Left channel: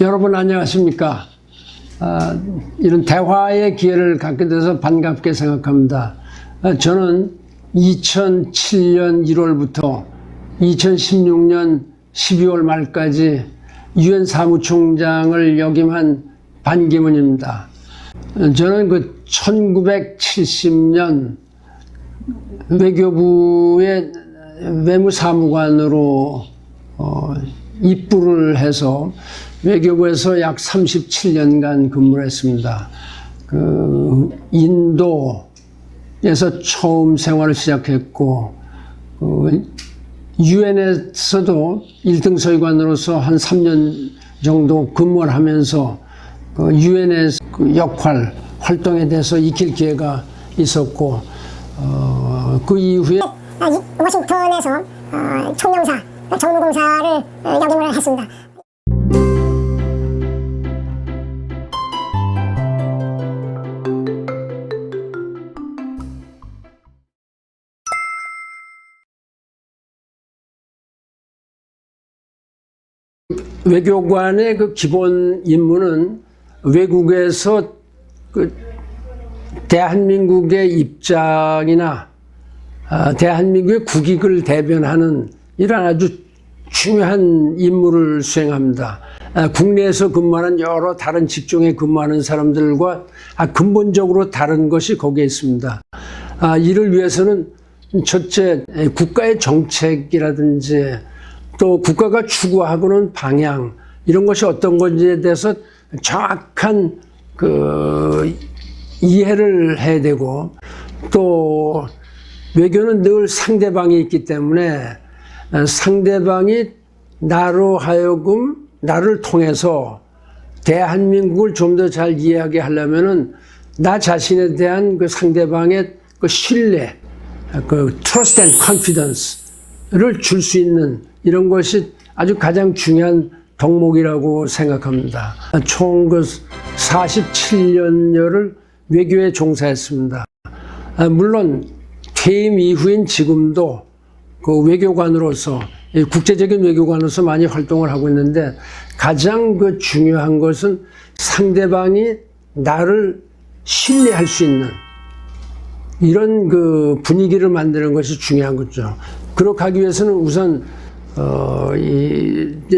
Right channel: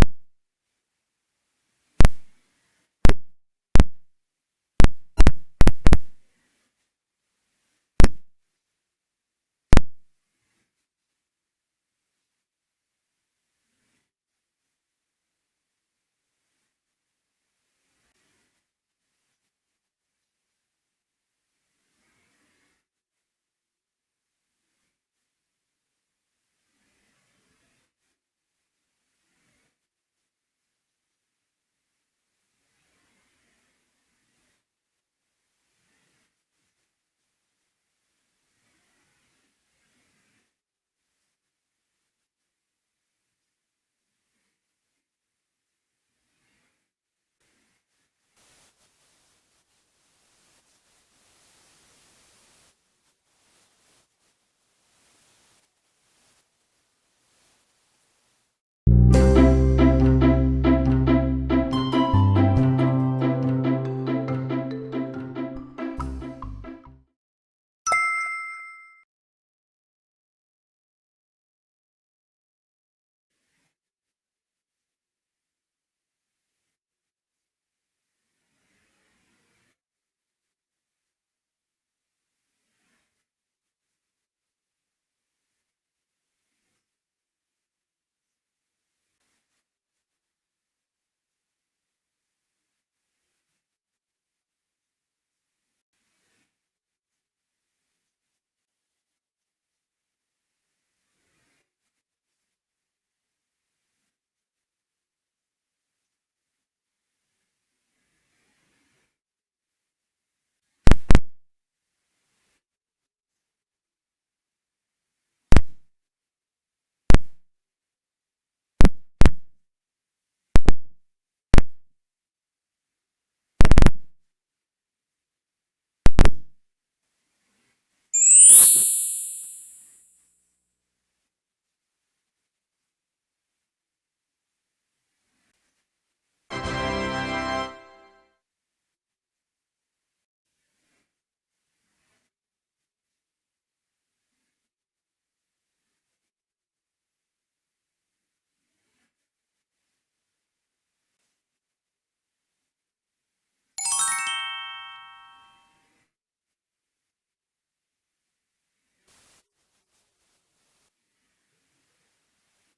여러분 안녕하십니까? 이런 대화의 기회를 갖게 돼서 반갑게 생각합니다. 저는 2007년 1월부터 2016년 12월 말까지 유엔 사무총장을 역임한 반기문입니다. 저는 그 1970년 외교부의 외무사무관으로 입부를 해서 외교부에서 약 37년간 근무를 했습니다. 인도에서 처음 생활을 시작했고, 유엔에서도 1등 서기관으로서 한 3년 정도 근무를 하면서 유엔의 활동에 대해서 익힐 기회가 있었고, 그 이후에 워싱턴에서 총영사, 정무공사를 역임을 했습니다. 외교관의 그 기본 임무는 외국에서 대한민국의 입장이나 대한민국의 국익을 대변하는 이런 아주 중요한 임무를 수행합니다. 국내에서 근무하는 여러 다른 직종에 근무하는 사람들과 근본적으로 다른 것이 거기에 있습니다. 이를 위해서는 첫째, 국가의 정책이라든지 또 국가가 추구하고는 방향, 이런 것이 어떤 건지에 대해서 정확한 이해를 해야 되고, 또 외교는 늘 상대방이 있기 때문에 상대방이 나로 하여금 나를 통해서 대한민국을 좀 더 잘 이해하게 하려면은 나 자신에 대한 그 상대방의 신뢰, trust and confidence를 줄 수 있는 이런 것이 아주 가장 중요한 덕목이라고 생각합니다. 총 47년여를 외교에 종사했습니다. 물론 퇴임 이후인 지금도 그 외교관으로서, 국제적인 외교관으로서 많이 활동을 하고 있는데, 가장 중요한 것은 상대방이 나를 신뢰할 수 있는 이런 분위기를 만드는 것이 중요한 거죠. 그렇게 하기 위해서는 우선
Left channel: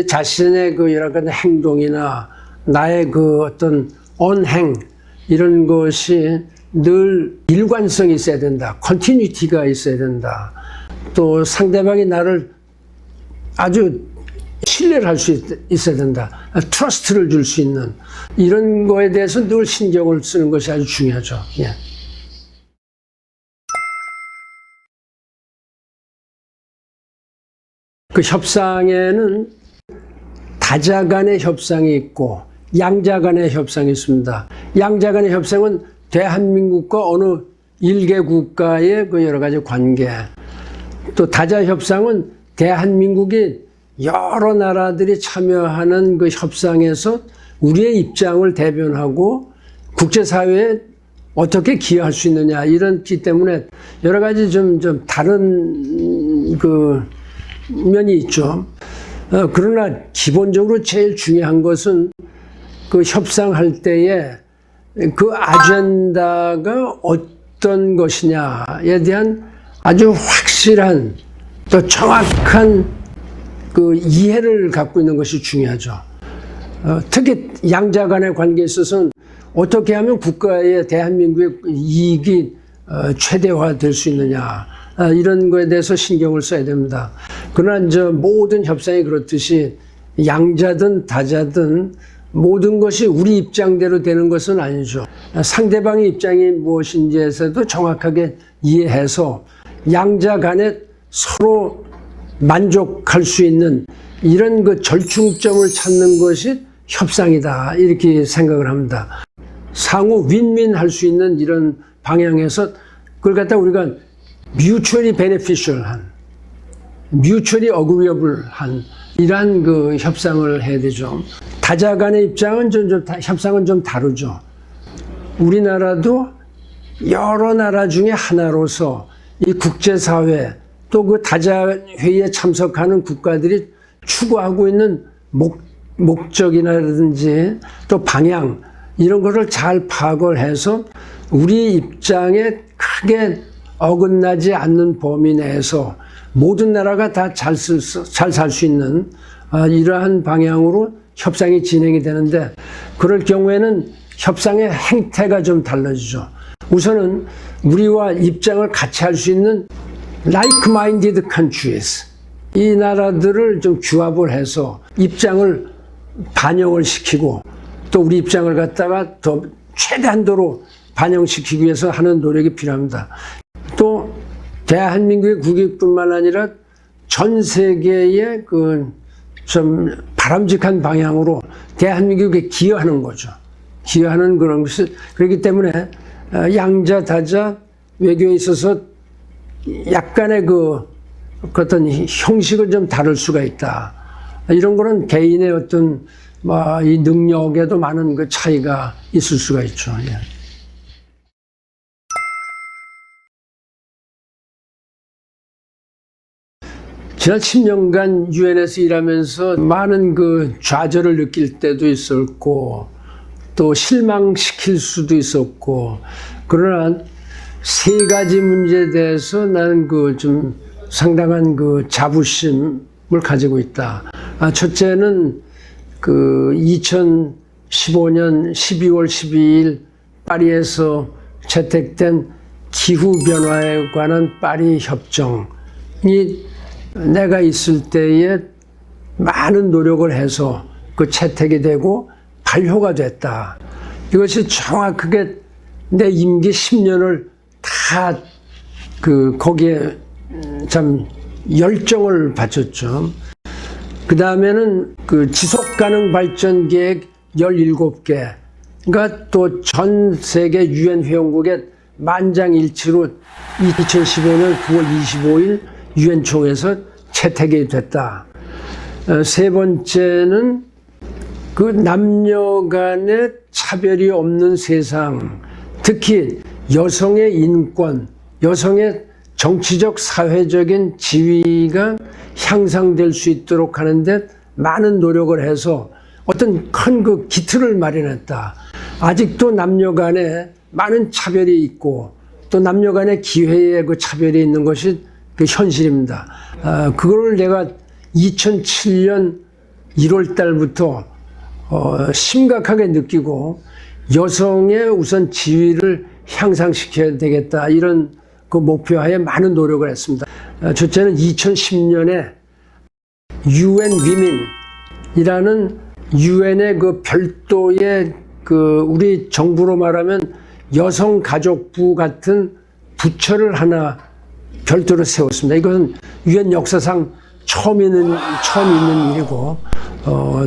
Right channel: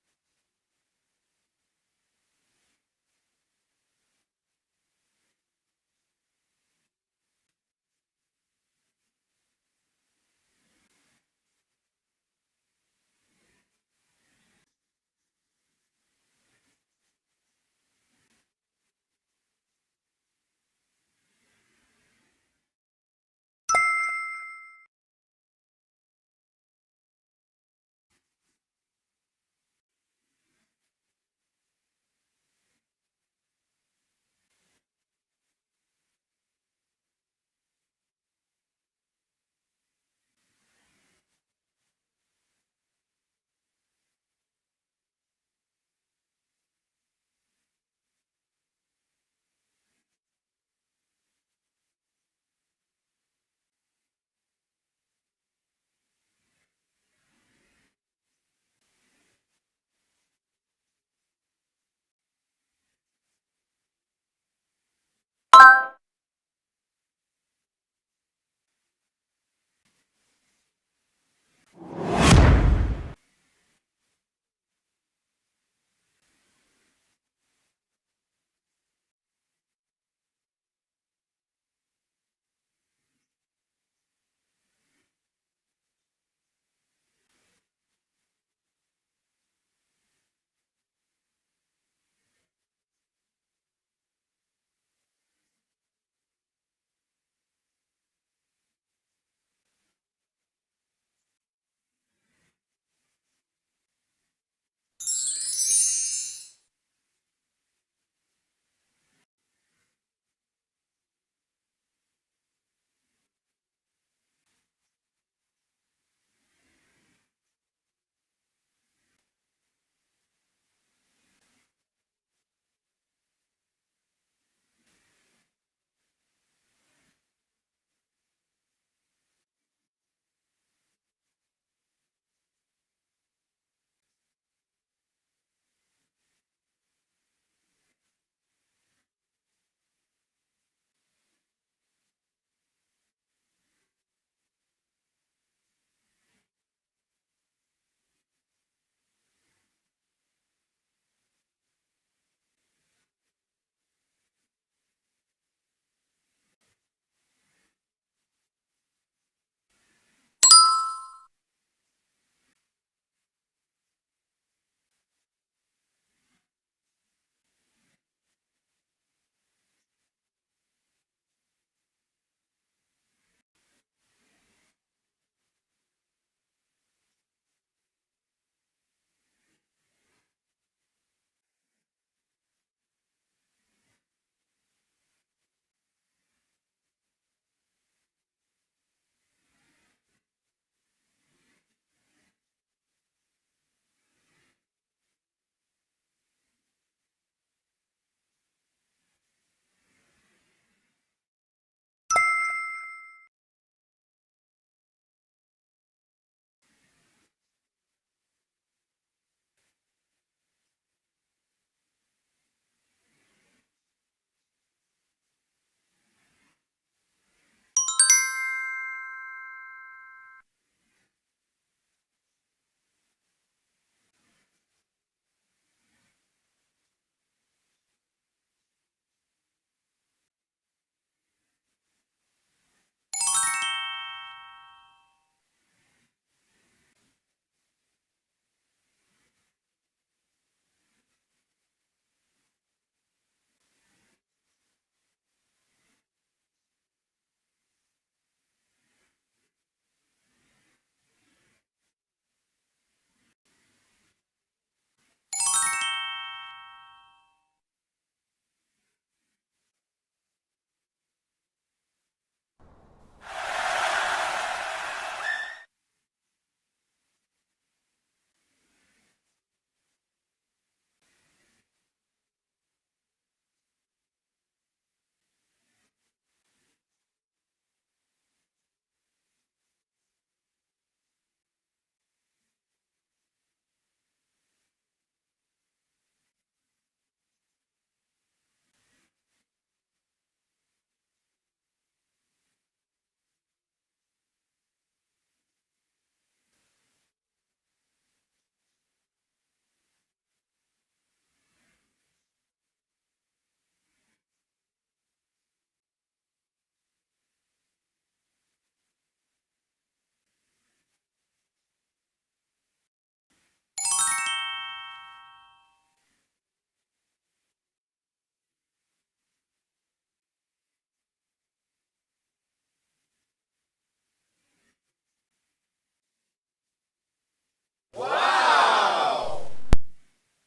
자신의 여러 가지 행동이나 나의 어떤 언행, 이런 것이 늘 일관성이 있어야 된다. 컨티뉴티가 있어야 된다. 또 상대방이 나를 아주 신뢰를 할 수 있어야 된다. 트러스트를 줄 수 있는 이런 거에 대해서 늘 신경을 쓰는 것이 아주 중요하죠. 예. 그 협상에는 다자 간의 협상이 있고 양자 간의 협상이 있습니다. 양자 간의 협상은 대한민국과 어느 일개 국가의 여러 가지 관계, 또 다자 협상은 대한민국이 여러 나라들이 참여하는 협상에서 우리의 입장을 대변하고 국제사회에 어떻게 기여할 수 있느냐, 이런기 때문에 여러 가지 좀 다른 면이 있죠. 그러나 기본적으로 제일 중요한 것은 협상할 때에 아젠다가 어떤 것이냐에 대한 아주 확실한 또 정확한 이해를 갖고 있는 것이 중요하죠. 특히 양자 간의 관계에 있어서는 어떻게 하면 국가의 대한민국의 이익이 최대화될 수 있느냐, 이런 거에 대해서 신경을 써야 됩니다. 그러나 모든 협상이 그렇듯이 양자든 다자든 모든 것이 우리 입장대로 되는 것은 아니죠. 상대방의 입장이 무엇인지에서도 정확하게 이해해서 양자 간에 서로 만족할 수 있는 이런 절충점을 찾는 것이 협상이다, 이렇게 생각을 합니다. 상호 윈윈 할 수 있는 이런 방향에서 그걸 갖다 우리가 mutually beneficial한, mutually agreeable한 이러한 협상을 해야 되죠. 다자 간의 입장은 협상은 좀 다르죠. 우리나라도 여러 나라 중에 하나로서 이 국제사회 또 다자 회의에 참석하는 국가들이 추구하고 있는 목적이라든지 또 방향 이런 거를 잘 파악을 해서 우리 입장에 크게 어긋나지 않는 범위 내에서 모든 나라가 다 잘 살 수 있는 이러한 방향으로 협상이 진행이 되는데, 그럴 경우에는 협상의 행태가 좀 달라지죠. 우선은 우리와 입장을 같이 할 수 있는 like-minded countries, 이 나라들을 좀 규합을 해서 입장을 반영을 시키고 또 우리 입장을 갖다가 더 최대한도로 반영시키기 위해서 하는 노력이 필요합니다. 또 대한민국의 국익뿐만 아니라 전 세계의 그 좀 바람직한 방향으로 대한민국에 기여하는 거죠. 기여하는 그런 것이, 그렇기 때문에 양자 다자 외교에 있어서 약간의 그 어떤 형식은 좀 다를 수가 있다. 이런 거는 개인의 어떤 이 능력에도 많은 그 차이가 있을 수가 있죠. 예. 지난 10년간 유엔에서 일하면서 많은 그 좌절을 느낄 때도 있었고 또 실망시킬 수도 있었고, 그러나 세 가지 문제에 대해서 나는 그 좀 상당한 그 자부심을 가지고 있다. 첫째는 그 2015년 12월 12일 파리에서 채택된 기후변화에 관한 파리 협정이 내가 있을 때에 많은 노력을 해서 그 채택이 되고 발효가 됐다. 이것이 정확하게 내 임기 10년을 다 그 거기에 참 열정을 바쳤죠. 그 다음에는 그 지속가능 발전 계획 17개, 그러니까 또 전 세계 유엔 회원국의 만장일치로 2015년 9월 25일 유엔 총회에서 채택이 됐다. 세 번째는 그 남녀 간의 차별이 없는 세상, 특히 여성의 인권, 여성의 정치적 사회적인 지위가 향상될 수 있도록 하는데 많은 노력을 해서 어떤 큰 그 기틀을 마련했다. 아직도 남녀 간에 많은 차별이 있고 또 남녀 간의 기회의 그 차별이 있는 것이 그 현실입니다. 그걸 내가 2007년 1월 달부터 심각하게 느끼고 여성의 우선 지위를 향상시켜야 되겠다, 이런 그 목표하에 많은 노력을 했습니다. 첫째는 2010년에 UN Women이라는 유엔의 그 별도의 그 우리 정부로 말하면 여성가족부 같은 부처를 하나 별도로 세웠습니다. 이것은 유엔 역사상 처음 있는 일이고,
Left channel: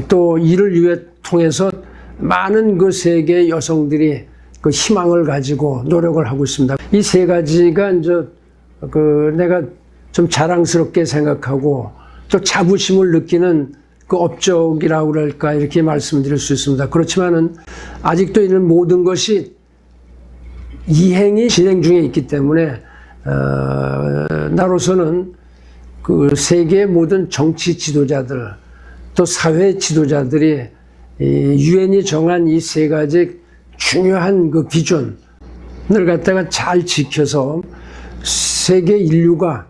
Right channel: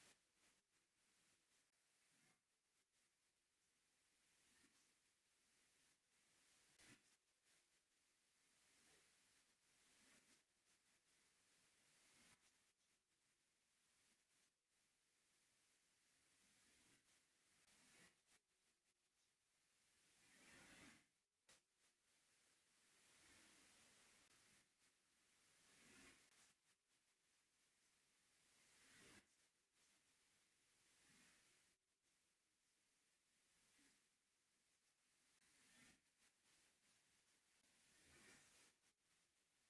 또 이를 위해 통해서 많은 그 세계 여성들이 그 희망을 가지고 노력을 하고 있습니다. 이 세 가지가 이제 그 내가 좀 자랑스럽게 생각하고 또 자부심을 느끼는 그 업적이라고 그럴까, 이렇게 말씀드릴 수 있습니다. 그렇지만은 아직도 이런 모든 것이 이행이 진행 중에 있기 때문에 나로서는 그 세계의 모든 정치 지도자들 또 사회 지도자들이 유엔이 정한 이 세 가지 중요한 그 비전을 갖다가 잘 지켜서 세계 인류가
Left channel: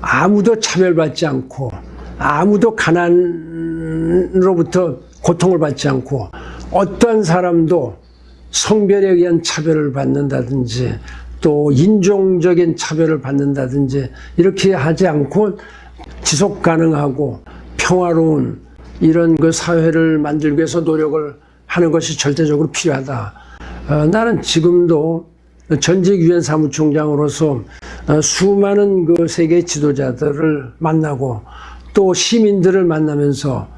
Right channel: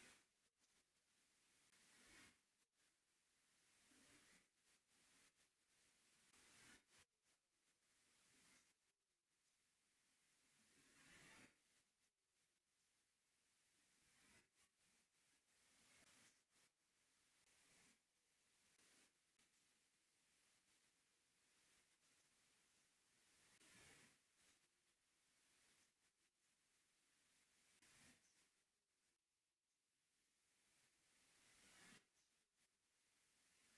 아무도 차별받지 않고 아무도 가난으로부터 고통을 받지 않고 어떠한 사람도 성별에 의한 차별을 받는다든지 또 인종적인 차별을 받는다든지 이렇게 하지 않고 지속 가능하고 평화로운 이런 그 사회를 만들기 위해서 노력을 하는 것이 절대적으로 필요하다. 나는 지금도 전직 유엔 사무총장으로서 수많은 그 세계 지도자들을 만나고 또 시민들을 만나면서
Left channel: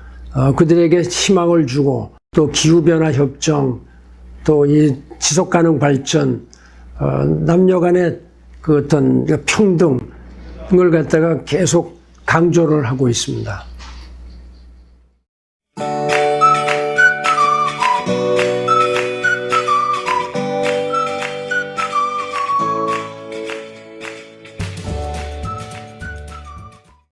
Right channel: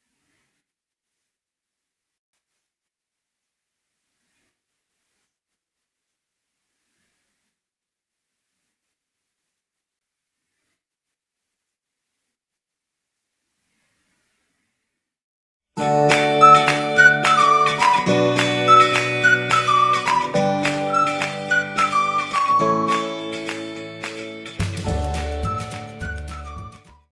그들에게 희망을 주고 또 기후변화 협정, 또 이 지속가능 발전, 남녀 간의 그 어떤 평등을 갖다가 계속 강조를 하고 있습니다.